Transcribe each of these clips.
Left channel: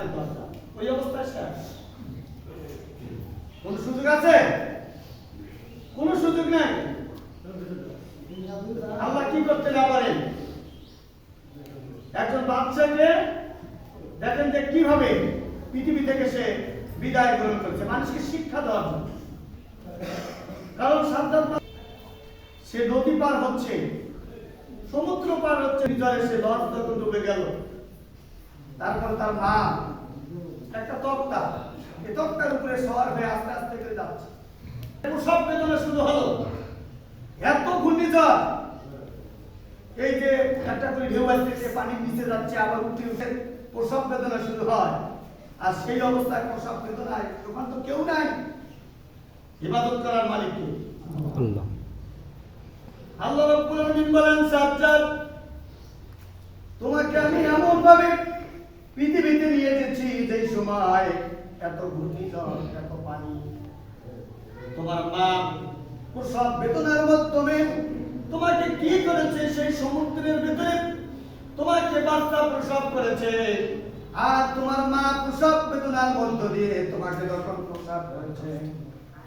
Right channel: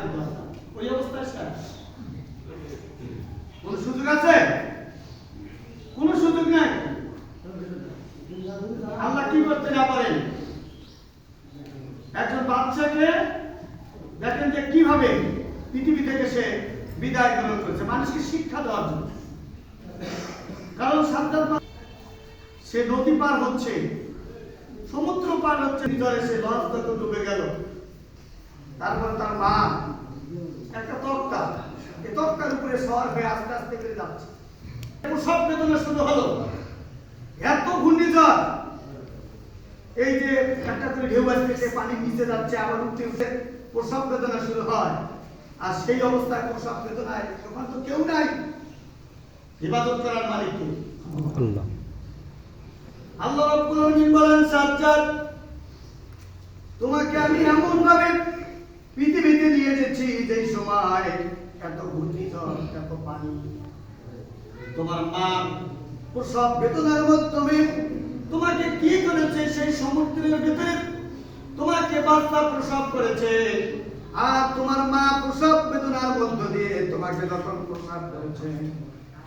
হাতে কথা, ওই অবস্থায় শেষ। কোন সুযোগ আছে? কোন সুযোগ নাই। আল্লাহ কি করতে না পারেন? একজন বাচ্চাকে দেখেন যে কিভাবে পৃথিবী থেকে সে বিদায় গ্রহণ করেছে মানুষকে শিক্ষা দেওয়ার জন্য। কারণ সাদ্দাত সে নদী পার হচ্ছে, সমুদ্র পার হচ্ছে, ভিতরে সে লঞ্চ তখন ডুবে গেল। তারপর তার মা একটা তক্তা, এই তক্তার উপরে সওয়ার হয়ে আস্তে আস্তে করে যাচ্ছে। প্রসব বেদনা শুরু হলো, এত ঘূর্ণিঝড়, এই যে একটা করে ঢেউ আসছে, পানি নিচে যাচ্ছে, আবার উঠে উঠে প্রসব বেদনা শুরু হয়। আর সেই অবস্থায় প্রসব বেদনায় তখন তো কেউ নাই, ইবাদত করার মালিক কে? আল্লাহ। আল্লাহ রাব্বুল আলামিন বলেন, সাজ্জাদ তোমাকে আমি এমন ভাবে পৃথিবীতে নিয়ে এসেছি যেই সময় এত ঘূর্ণিঝড়, এত পানি, তোমার মা প্রসব বেদনার মাধ্যমে তোমাকে কি করেছে, সেই সমুদ্রের ভিতরে তোমাকে বাচ্চা প্রসব করেছে। আর তোমার মা প্রসব বেদনার মধ্য দিয়ে তোমাকে যখন প্রসব করেছে,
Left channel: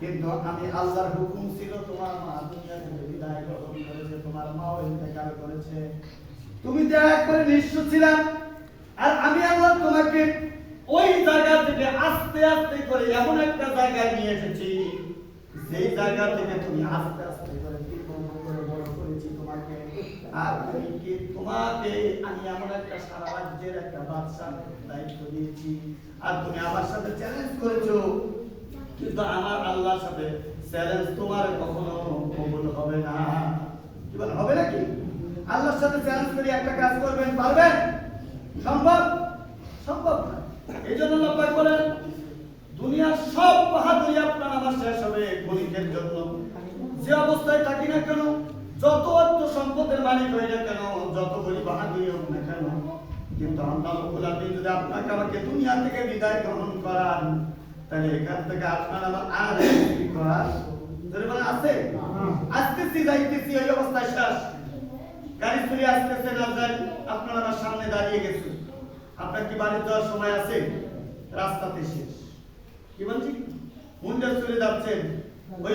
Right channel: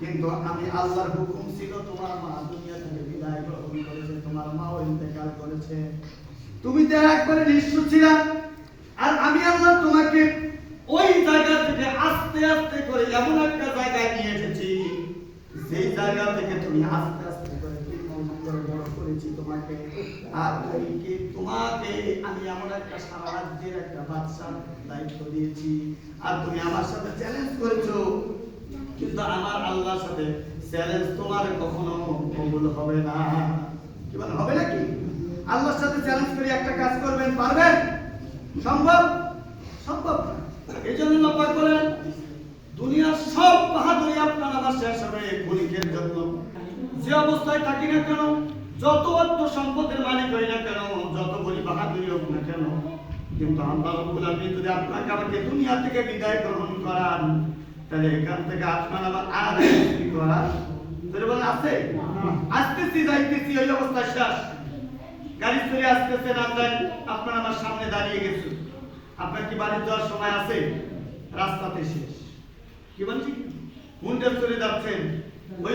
কিন্তু আমি আল্লাহর হুকুম ছিল তোমার মা দুনিয়া থেকে বিদায় গ্রহণ করেছে, তোমার মাও ইন্তেকাল করেছে, তুমি তো একবারে নিঃস্ব ছিলা। আর আমি আল্লাহ তোমাকে ওই জায়গা থেকে আস্তে আস্তে করে এমন একটা জায়গায় নিয়ে এসেছি, সেই জায়গা থেকে তুমি আস্তে আস্তে করে বড় করেছি তোমাকে। আর তোমাকে আমি এমন একটা সারা রাজ্যের একটা বাদশার দায়িত্ব দিয়েছি, আর তুমি আমার সাথে চ্যালেঞ্জ করেছো, কিন্তু আমার আল্লাহর সাথে চ্যালেঞ্জ তোমার কখনো কবুল হবে না। কি বলেন, হবে নাকি? আল্লাহর সাথে চ্যালেঞ্জ করে একটা কাজ করবেন, পারবেন? সম্ভব? সম্ভব না। এই জন্য আল্লাহ পাক বলেন, দুনিয়ার সব বাহাদুরি আপনার আমার শেষ হবে ক্ষণিকের জন্য। যে অবস্থায় থাকি না কেন, যত অর্থ সম্পদের মালিক হই না কেন, যত বড় বাহাদুরি হোক না কেন, কিন্তু আল্লাহ রাব্বুল আলামিন যদি আপনাকে আমাকে দুনিয়া থেকে বিদায় গ্রহণ করান, তাহলে এখান থেকে আপনার আমার আর কি করার আছে? আসতেছি যাইতেছি, এই অবস্থায় শেষ। গাড়ি চলে আসতেছে না, যান আপনার আমার সামনে দাঁড়িয়ে গেছে, আপনার কি বাড়ি যাওয়ার সময় আছে? রাস্তাতে শেষ। কি বলছি, হুন্ডা চলে যাচ্ছেন, ওই